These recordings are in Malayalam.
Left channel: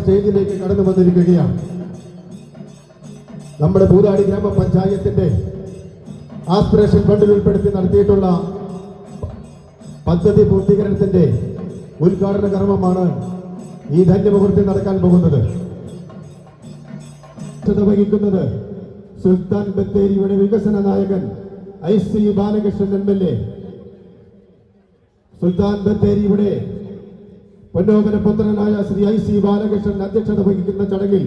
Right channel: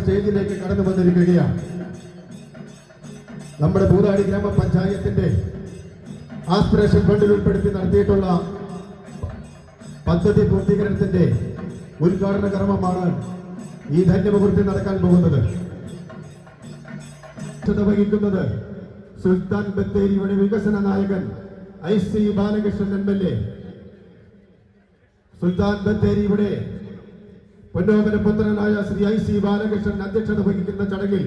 സ്റ്റേജിലേക്ക് കടന്നു വന്നിരിക്കുകയാണ്. നമ്മുടെ പൂതാടി ഗ്രാമപഞ്ചായത്തിന്റെ ആസ്പിറേഷൻ ഫണ്ടിൽ ഉൾപ്പെടുത്തി നടത്തിയിട്ടുള്ള പദ്ധതി പൂർത്തീകരണത്തിന്റെ ഉദ്ഘാടന കർമ്മമാണ് ഈ ധന്യമുഹൂർത്തം നടക്കാൻ പോകുന്നത്. വഹിക്കുന്നത് സുൽത്താൻ ബത്തേരിയുടെ വികസന നായകൻ I C Balakrishnan M L A. Sultan ബത്തേരിയുടെ പൊന്നോമന പുത്രനായ ശ്രീ ഐ സി ബാലകൃഷ്ണൻ അധ്യക്ഷത വഹിക്കുന്ന ചടങ്ങിൽ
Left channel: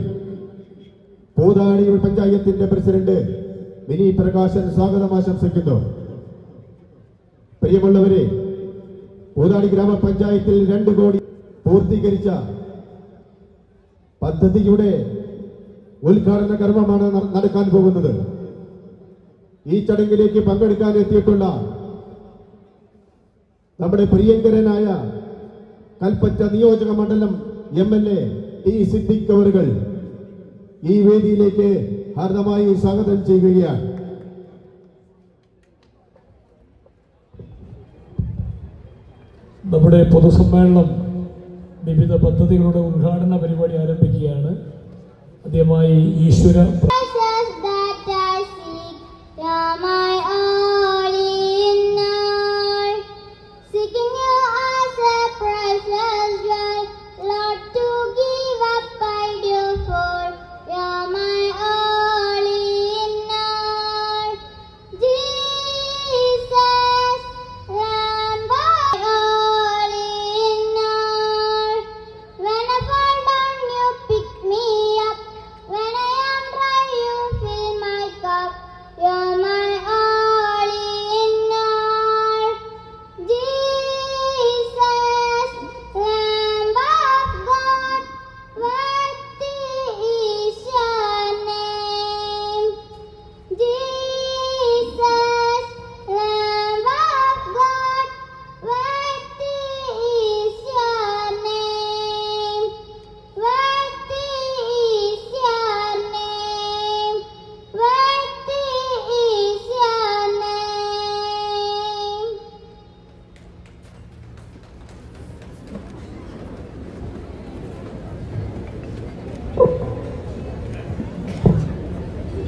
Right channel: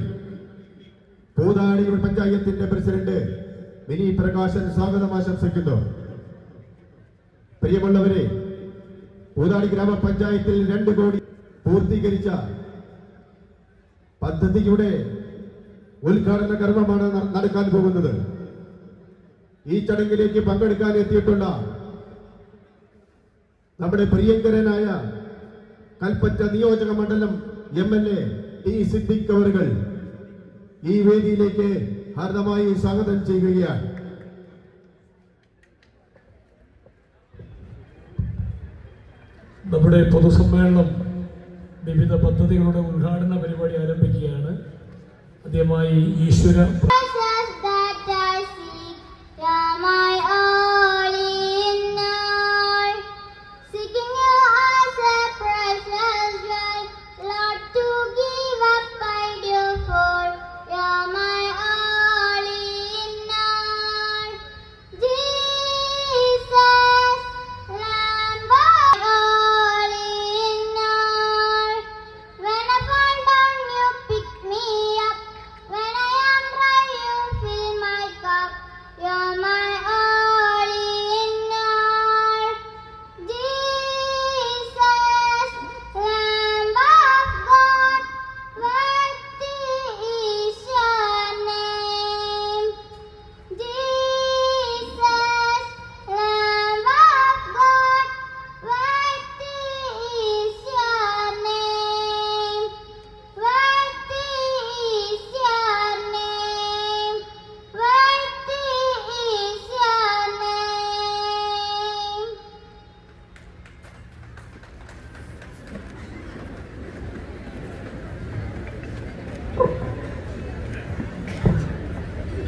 പൂതാടി പഞ്ചായത്തിന്റെ പ്രസിഡന്റ് മിനി പ്രകാശൻ സ്വാഗതം ആശംസിക്കുന്നു. പ്രിയമുള്ളവരെ പൂതാടി ഗ്രാമപഞ്ചായത്തിൽ രണ്ട് കോടി പൂർത്തീകരിച്ച പദ്ധതിയുടെ ഉദ്ഘാടന കർമ്മമാണ് നടക്കാൻ പോകുന്നത്. ഈ ചടങ്ങിലേക്ക് പങ്കെടുക്കാൻ എത്തിയിട്ടുള്ള നമ്മുടെ പ്രിയങ്കരനായ കൽപ്പറ്റ നിയോജക മണ്ഡലം M L A T Siddique അവറുകൾ ഈ വേദിയിലേക്ക് ഹാർദമായി സ്വാഗതം ചെയ്യുകയാണ്. നമ്മുടെ പൊതുസമ്മേളനം വിവിധ പദ്ധതികളുടെ ഉദ്ഘാടന പരിപാടി ആരംഭിക്കുകയാണ്. ആദ്യമായി ഈശ്വര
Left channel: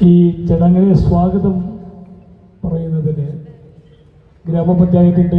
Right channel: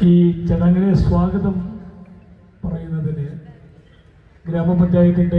ഈ ചടങ്ങിലെ സ്വാഗതം പറയുന്നതിന് ഗ്രാമപഞ്ചായത്തിന്റെ